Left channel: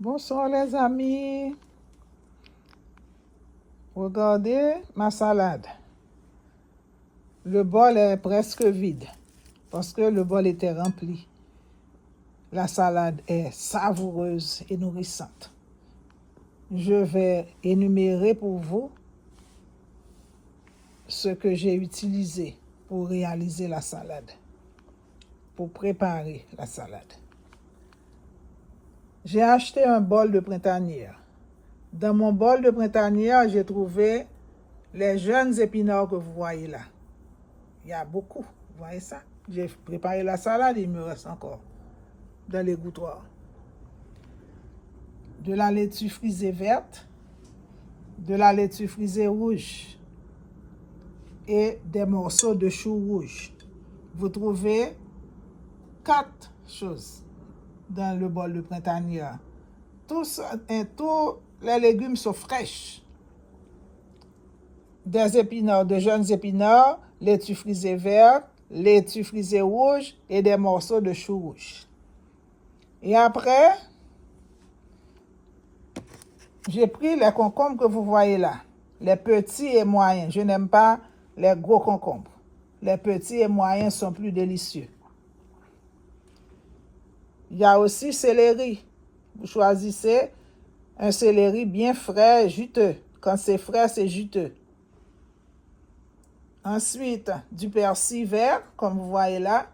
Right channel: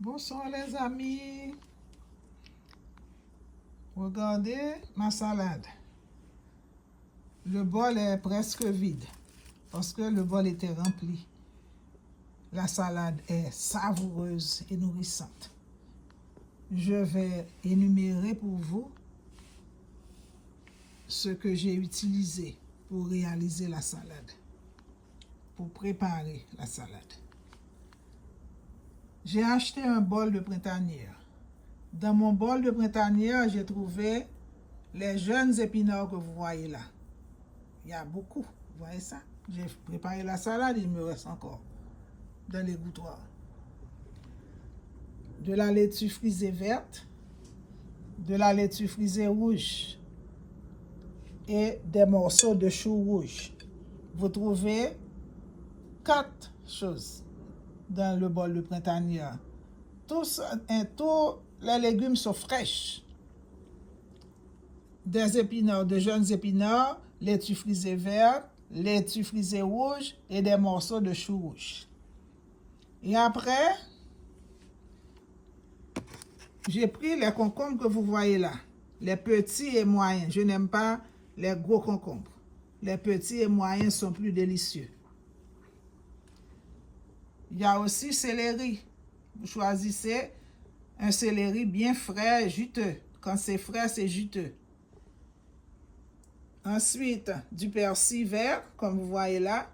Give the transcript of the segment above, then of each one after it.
Bonsoir les amis. Regardez ma salade. Le bol est presque vide parce que le bol était rempli. La salade est savoureuse et nourrissante. Je vais énumérer pour vous ce que j'ai utilisé pour réaliser la salade, pour préparer la salade. J'ai acheté un bol de printanière. Dans mon bol de printanière, j'ai trouvé les jeunes épinards que vous voyez là. Il y a beaucoup, vous voyez ça? J'ai préparé la salade, il me reste encore dans l'égouttoir. De la laitue frisée verte, de la laitue frisée rouge et des morceaux de chou rouge. Vous trouvez 4 choses dans le bol de printanière. Tous les légumes sont fraîches. Des épinards, de jeunes épinards, laitue frisée verte, laitue frisée rouge et des morceaux de chou rouge. Et après, j'ai pris les concombres que vous voyez là, les petits et moyens. Je n'aime pas les gros concombres. Les petits et moyens sont plus délicieux. Il y a aussi céleri. Vous choisissez un céleri bien frais, juteux. Quand c'est frais, c'est juteux. Ensuite, du persil vert, comme vous voyez là,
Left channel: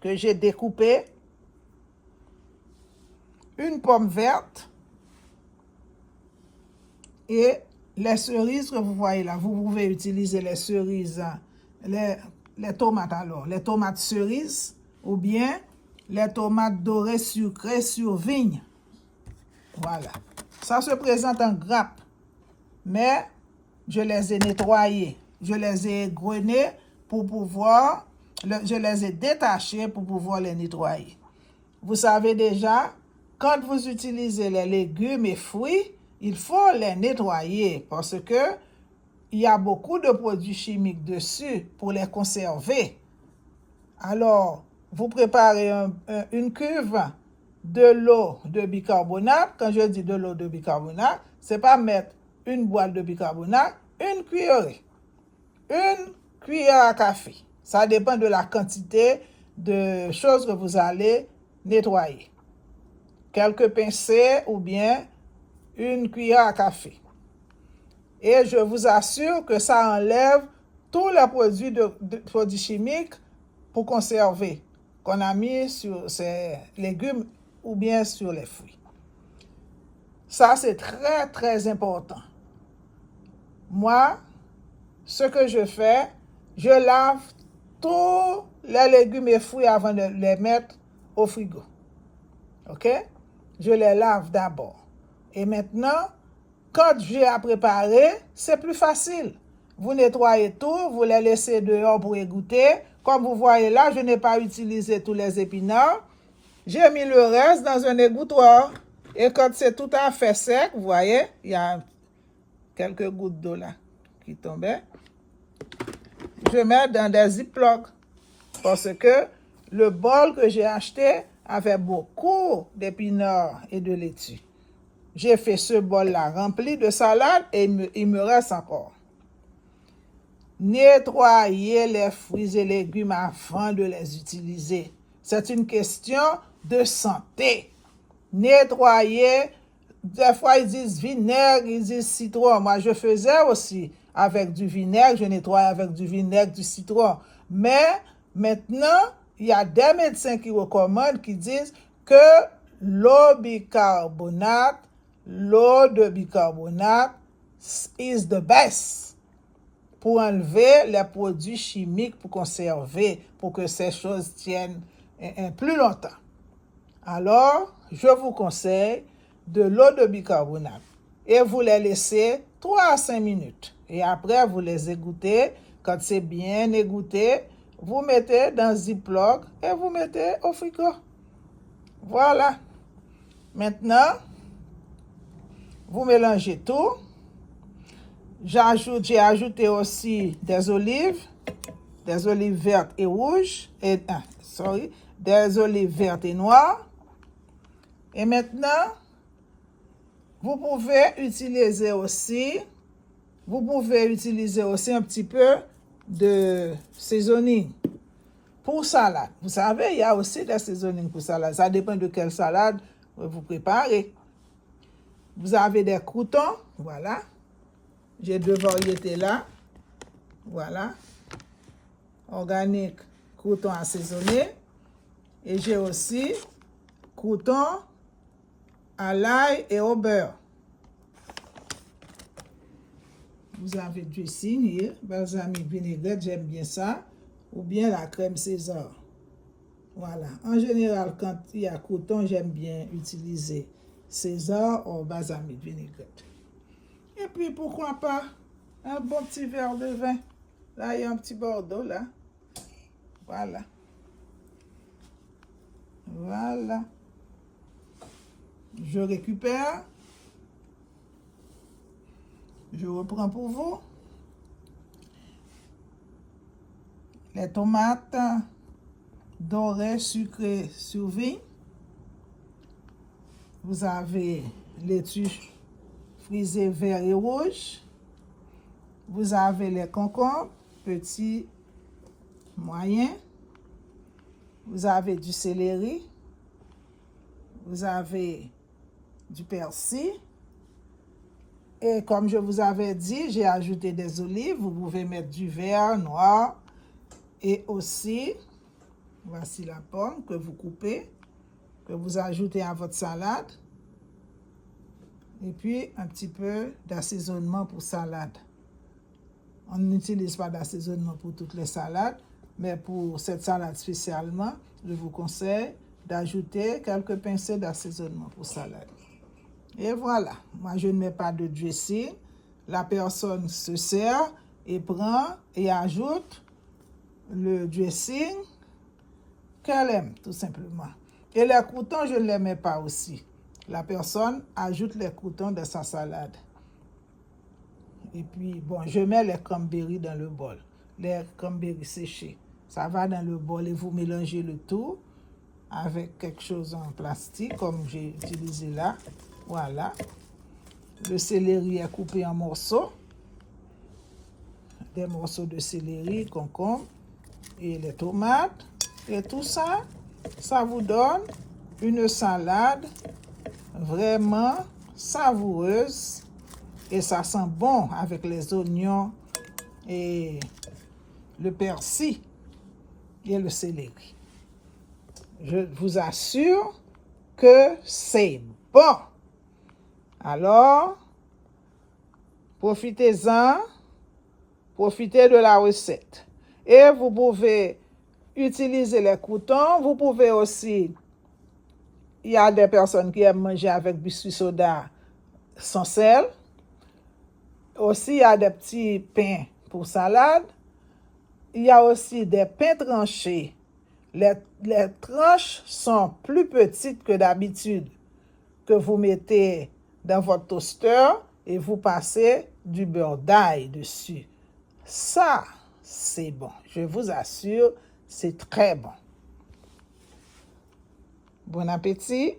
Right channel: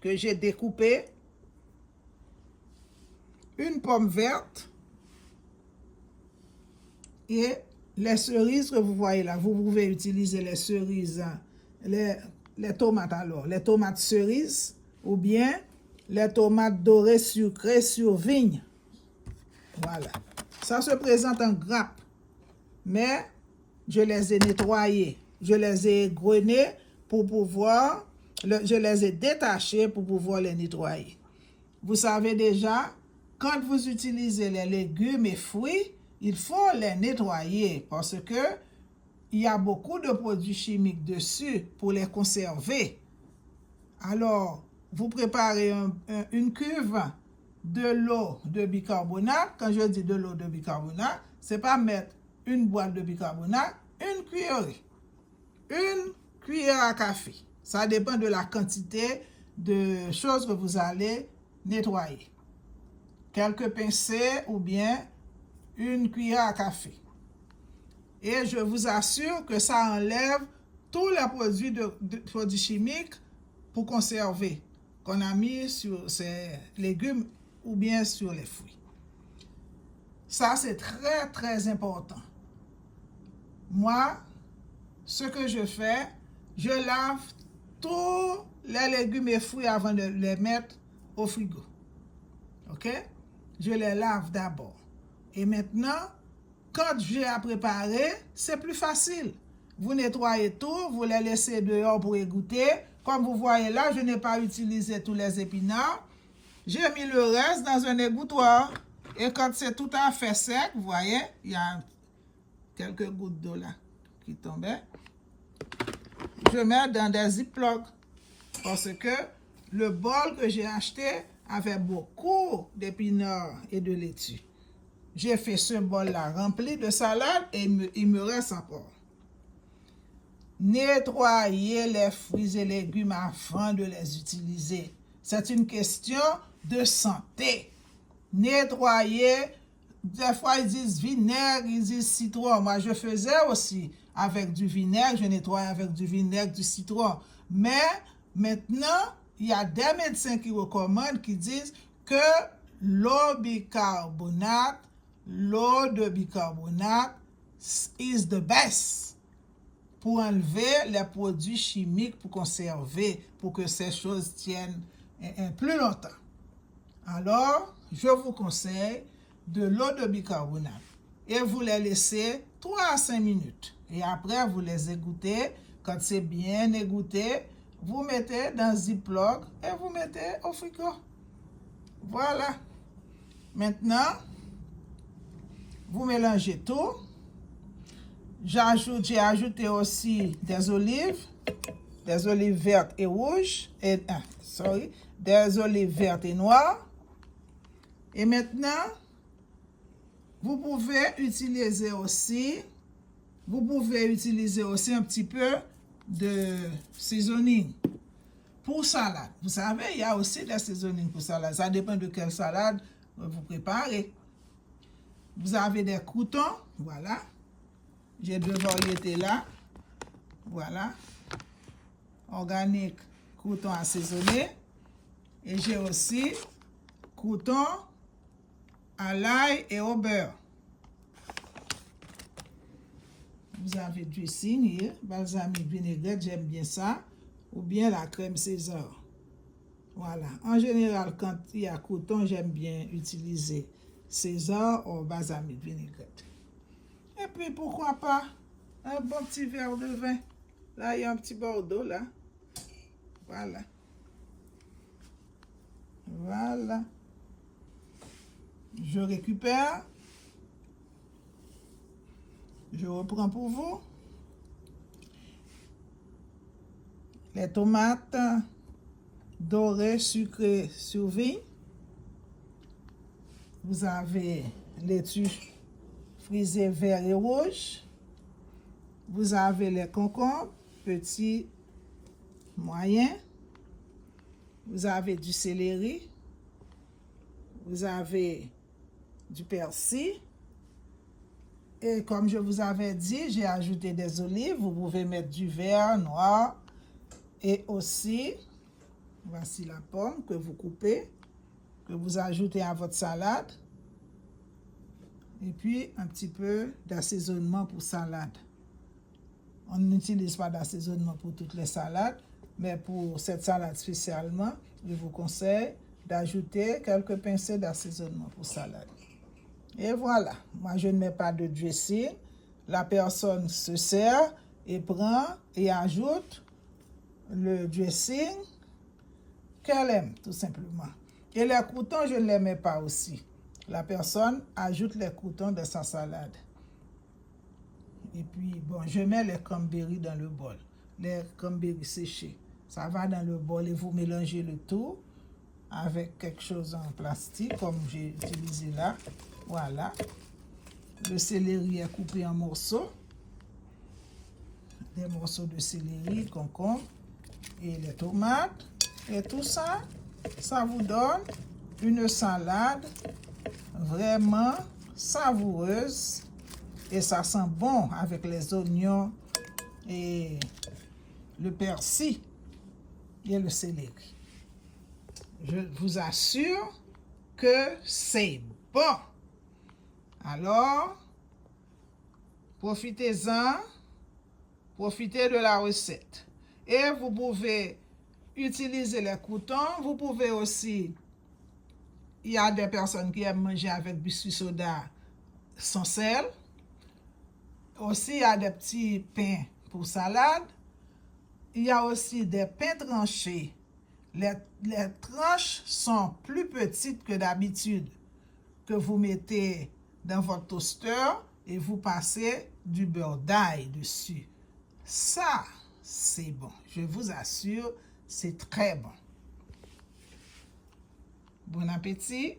que j'ai découpé. Une pomme verte. Et les cerises que vous voyez là. Vous pouvez utiliser les cerises, les tomates alors. Les tomates cerises ou bien les tomates dorées sucrées sur vigne. Voilà. Ça se présente en grappes. Mais je les ai nettoyées. Je les ai égrenées pour pouvoir... je les ai détachées pour pouvoir les nettoyer. Vous savez déjà, quand vous utilisez les légumes et fruits, il faut les nettoyer parce que il y a beaucoup de produits chimiques dessus pour les conserver. Alors, vous préparez une cuve de l'eau de bicarbonate. Quand je dis de l'eau de bicarbonate, c'est pas mettre une boîte de bicarbonate, une cuillère à café. Ça dépend de la quantité de choses que vous allez nettoyer. Quelques pincées ou bien une cuillère à café. Et je vous assure que ça enlève tous les produits chimiques pour conserver qu'on a mis sur ces légumes ou bien sur les fruits. Ça, c'est très, très important. Moi, ce que je fais, je lave tous les légumes et fruits avant de les mettre au frigo. OK? Je les lave d'abord. Et maintenant, quand j'ai à préparer, c'est plus facile. Vous nettoyez tout, vous les laissez dehors pour égoutter. Comme vous voyez là, je n'ai pas utilisé tous les épinards. J'ai mis le reste dans un égouttoir. Et quand c'est tout à fait sec, vous voyez, il y a quelques gouttes d'eau là qui tombaient. Je mets dans des ziplocs parce que le bol que j'ai acheté avait beaucoup d'épinards et de laitue. J'ai fait ce bol-là rempli de salade et il me reste encore. Nettoyez les fruits et légumes avant de les utiliser. C'est une question de santé. Nettoyez. Des fois, ils disent vinaigre, ils disent citron. Moi, je faisais aussi avec du vinaigre. Je nettoie avec du vinaigre, du citron. Mais maintenant, il y a des médecins qui recommandent, qui disent que l'eau de bicarbonate is the best pour enlever les produits chimiques, pour conserver, pour que ces choses tiennent plus longtemps. Alors, je vous conseille de l'eau de bicarbonate et vous les laissez 3 à 5 minutes. Et après, vous les égouttez. Quand c'est bien égoutté, vous mettez dans Ziploc et vous mettez au frigo. Voilà. Maintenant, vous mélangez tout. J'ai ajouté aussi des olives vertes et rouges, des olives vertes et noires. Et maintenant, Vous pouvez utiliser aussi un petit peu de seasoning pour salade. Vous savez, il y a aussi des seasonings pour salade. Ça dépend de quelle salade vous préparez. Vous avez des croûtons, voilà. J'ai 2 variétés là. Voilà. Organique, croûtons assaisonnés. Et j'ai aussi croûtons à l'ail et au beurre. Vous avez dressing, balsamique vinaigrette, j'aime bien ça. Ou bien la crème César. Voilà. En général, quand il y a croûtons, j'aime bien utiliser César ou balsamique vinaigrette. Et puis, pourquoi pas un bon petit verre de vin. Là, il y a un petit Bordeaux, là. Voilà. Voilà. Je récupère. Je reprends pour vous. Les tomates dorées sucrées sur vigne. Vous avez laitue frisée vert et rouge. Vous avez les concombres, petits, moyens. Vous avez du céleri. Vous avez du persil. Et comme je vous avais dit, j'ai ajouté des olives. Vous pouvez mettre du vert, noir. Et aussi, voici la pomme que vous coupez, que vous ajoutez à votre salade. Et puis, un petit peu d'assaisonnement pour salade. On n'utilise pas d'assaisonnement pour toutes les salades, mais pour cette salade spécialement, je vous conseille d'ajouter quelques pincées d'assaisonnement pour salade. Et voilà, moi je ne mets pas de dressing. La personne se sert et prend et ajoute le dressing qu'elle aime, tout simplement. Et les croûtons, je ne les mets pas aussi. La personne ajoute les croûtons de sa salade. Et puis, bon, je mets les cranberries dans le bol. Les cranberries séchés. Ça va dans le bol et vous mélangez le tout avec quelque chose en plastique, comme j'ai utilisé là. Voilà. Le céleri est coupé en morceaux. Des morceaux de céleri, concombre et les tomates. Et tout ça, ça vous donne une salade vraiment savoureuse. Et ça sent bon avec les oignons et le persil et le céleri. Je vous assure que c'est bon. Alors, profitez-en, profitez de la recette. Et vous pouvez utiliser les croûtons. Vous pouvez aussi, il y a des personnes qui aiment manger avec biscuit soda sans sel. Aussi, il y a des petits pains pour salade. Il y a aussi des pains tranchés. Les tranches sont plus petites que d'habitude, que vous mettez dans votre toaster et vous passez du beurre d'ail dessus. Ça, c'est bon. Je vous assure, c'est très bon. Bon appétit.